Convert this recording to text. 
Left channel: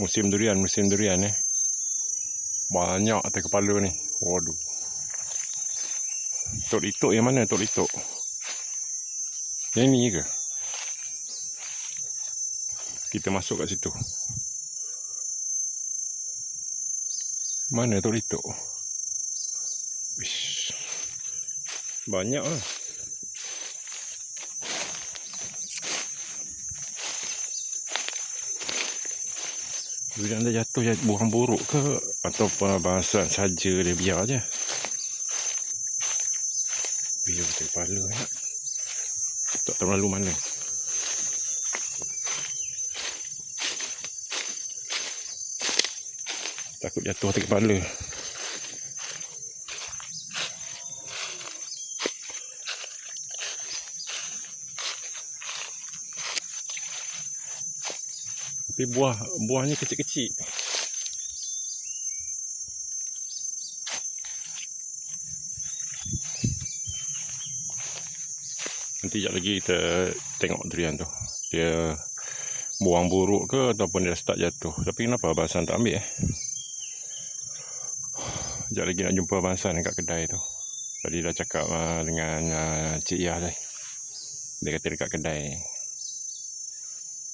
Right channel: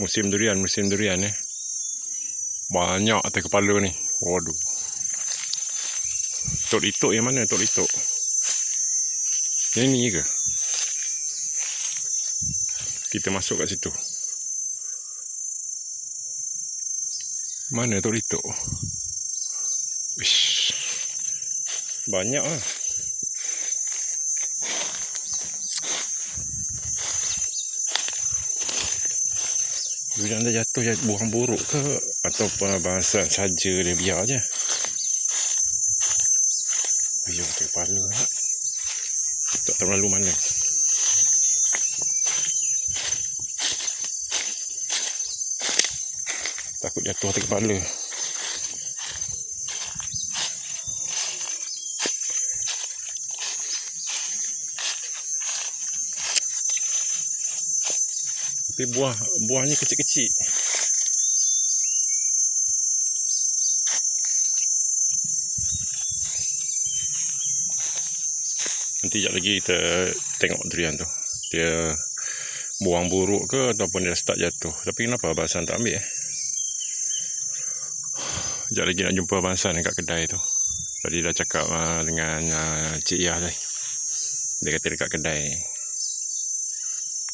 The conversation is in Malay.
Musim durian Banyak atas kepala ni. Waduh. Tok Litok yang mana Tok Litok? Yang ni ke? Kita masuk kat situ. Mana Tok Litok? Ish. Banyak lah. Durian dah jatuh buang buruk ke ataupun bahasan saja dia biar je. Biar atas kepala ni. Tak terlalu mana. Takut jatuh atas kepala. Tapi buahnya kecil-kecil. Nanti sekejap lagi kita tengok durian tu. Dia buang buruk ke ataupun dia start jatuh. Tapi kenapa Abang Hassan tak ambil Sekejap lagi nak jumpa Abang Hassan dekat kedai tu. Tadi dah cakap dengan Cik Yah tadi. Dia kata dekat kedai.